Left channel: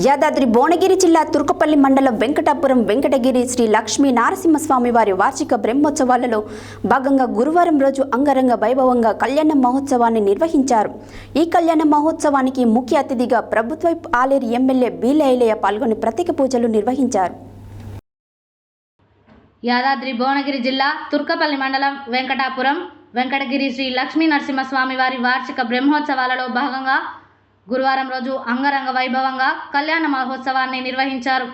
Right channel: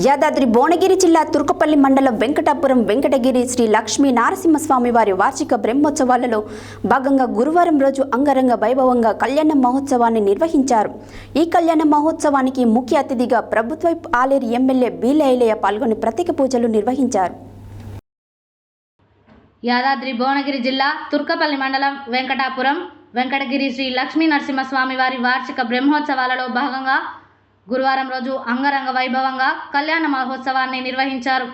యాదాద్రి భువనగిరి జిల్లా తుర్కపల్లి మండలం వెంకటాపురం వెంకటగిరి శ్రీ లక్ష్మీ నారసింహస్వామి వారి వార్షిక బ్రహ్మోత్సవాలలో భాగంగా గురువారం రోజు అంగరంగ వైభవంగా కళ్యాణ మహోత్సవాన్ని నిర్వహించారు. ఈ కళ్యాణ మహోత్సవానికి ముఖ్య అతిథిగా ప్రభుత్వ ఆలేరు ఎమ్మెల్యే బీలైలయ్య పాల్గొని ప్రత్యేక పూజలు నిర్వహించారు. యాదాద్రి భువనగిరి జిల్లా తుర్కపల్లి మండలం వెంకటాపురం వెంకటగిరి శ్రీ లక్ష్మీ నరసింహస్వామి వారి వార్షిక బ్రహ్మోత్సవాలలో భాగంగా గురువారం రోజు అంగరంగ వైభవంగా కళ్యాణ మహోత్సవాన్ని నిర్వహించారు.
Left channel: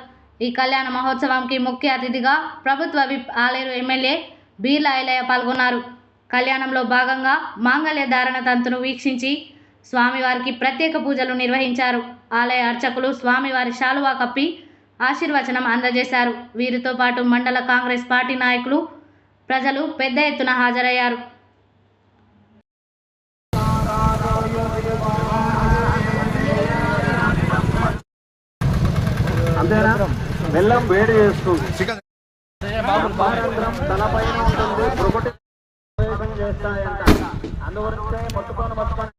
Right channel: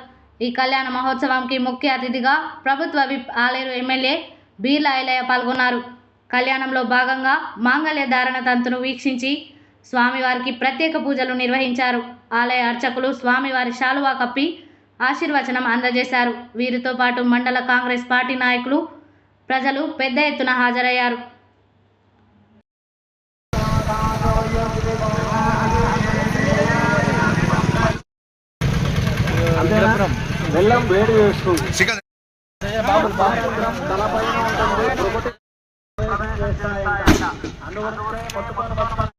ఈ కళ్యాణ మహోత్సవంకి ముఖ్య అతిథిగా ప్రభుత్వ విప్ ఆలేరు ఎమ్మెల్యే బీర్ల ఐలయ్య పాల్గొన్నారు. కళ్యాణంలో భాగంగా మాంగళ్య ధారణ తంతును వీక్షించి స్వామివారికి ప్రత్యేక పూజలు నిర్వహించారు. ఆలయ అర్చకులు స్వామివారి శాలువా కప్పి ఆశీర్వచనం అందజేశారు. వీరితో పాటు మండల కాంగ్రెస్ పార్టీ నాయకులు ప్రజలు పెద్ద ఎత్తున హాజరయ్యారు. బెల్లం వేడి చేస్తుంది తలపైన ఉంటుంది ఒకటి చేస్తాయంట. అందువలన పట్టుకొని పట్టుకొని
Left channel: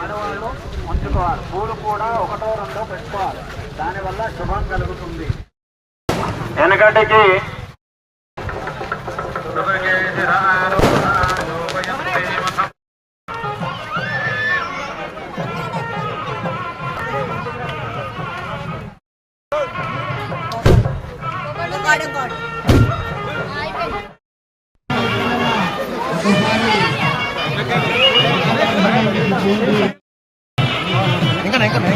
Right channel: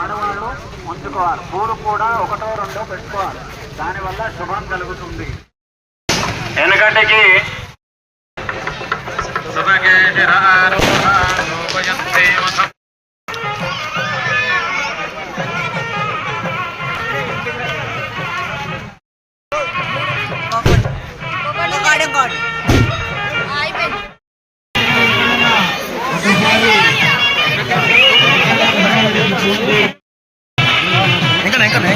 ఆడవాళ్ళు ఉంచుకోవాలి పూలు కూడా ఒకటో రెండో పెట్టుకోవాలి దానివల్ల శుభం కలుగుతుంది వెనకటికి. గాడ్ ఇంకా ఇంకా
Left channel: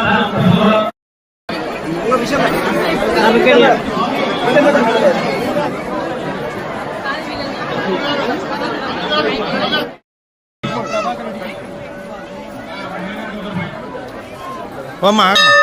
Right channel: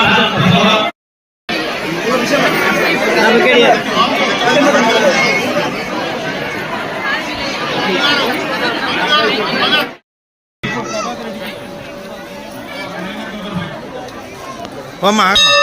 我买嘛。